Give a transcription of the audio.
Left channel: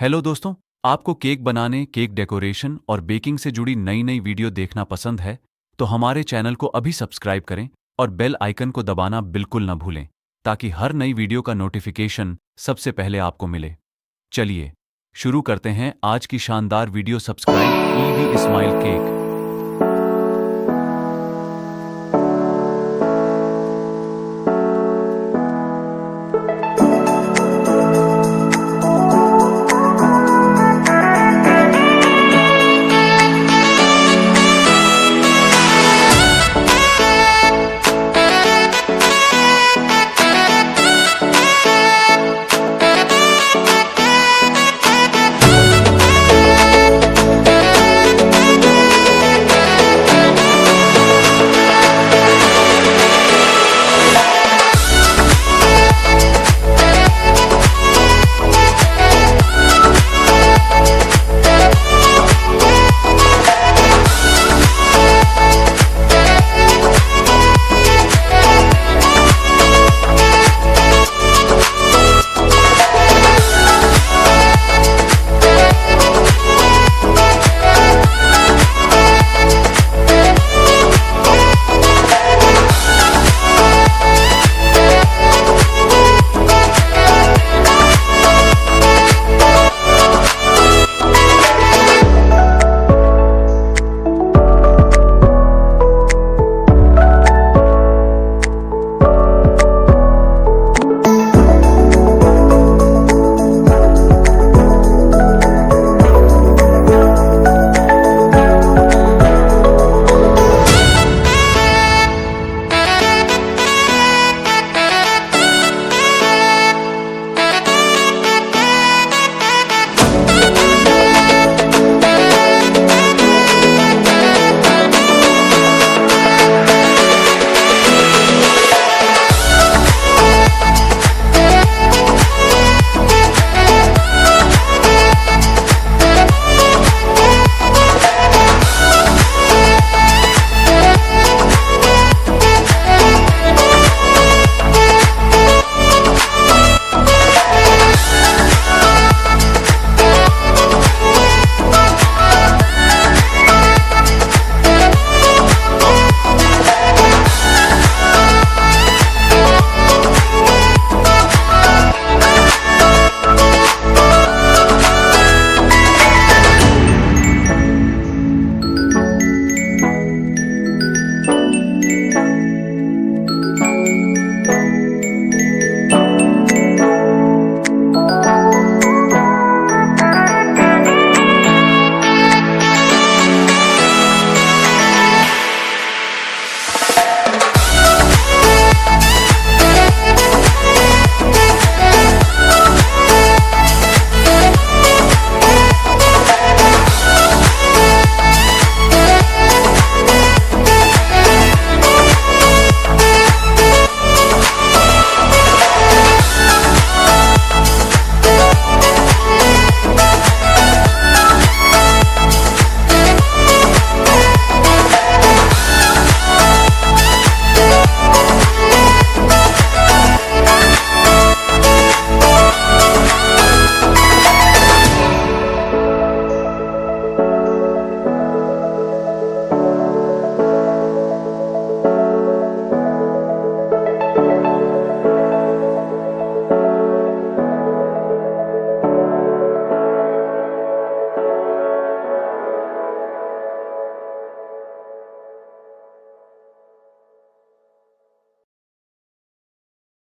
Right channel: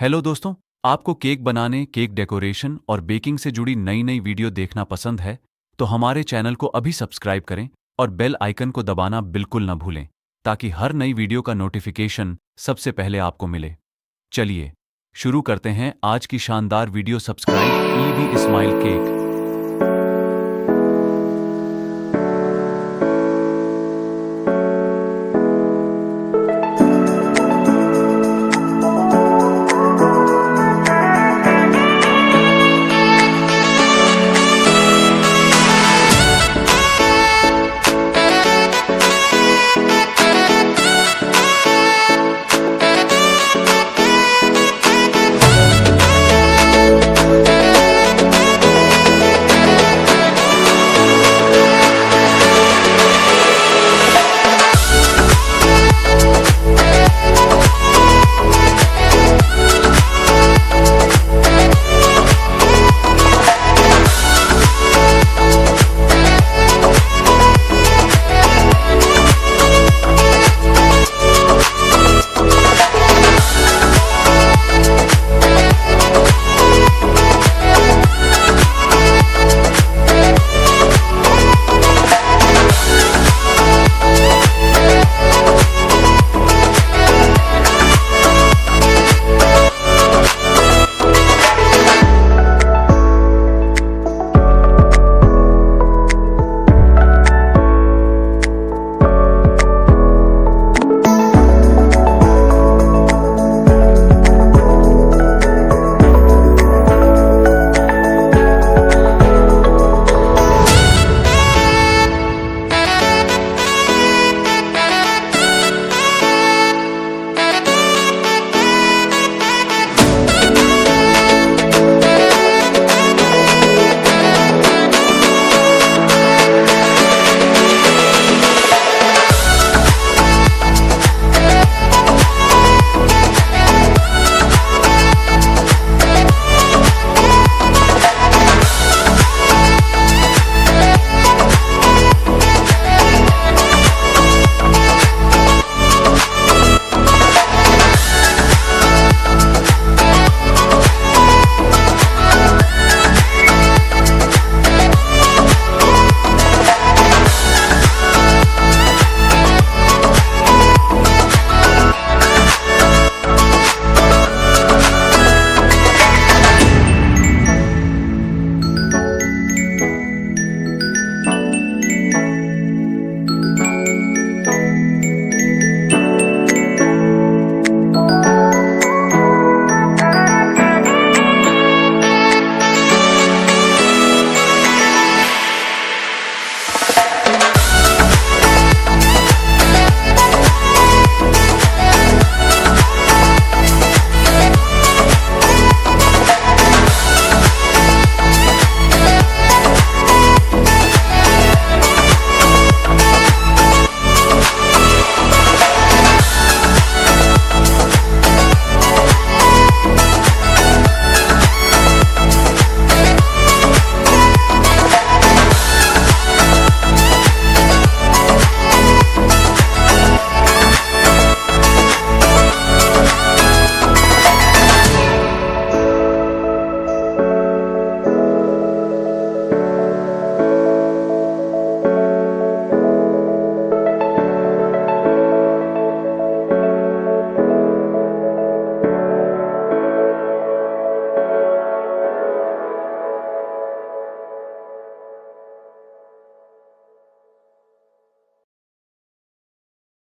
हेलो दोस्तों, आपको केक बनाने, केक डेकोरेशन और बेकिंग से जुड़ी नई नई वीडियो देखना पसंद है तो हमारे चैनल को अभी सब्सक्राइब करें और बेल आइकन को दबाना बिल्कुल न भूलें ताकि हर नई वीडियो का नोटिफिकेशन सबसे पहले आपको मिले। चलिए शुरू करते हैं आज की शानदार वीडियो। सब्सक्राइब ईवी इस्माइल केक।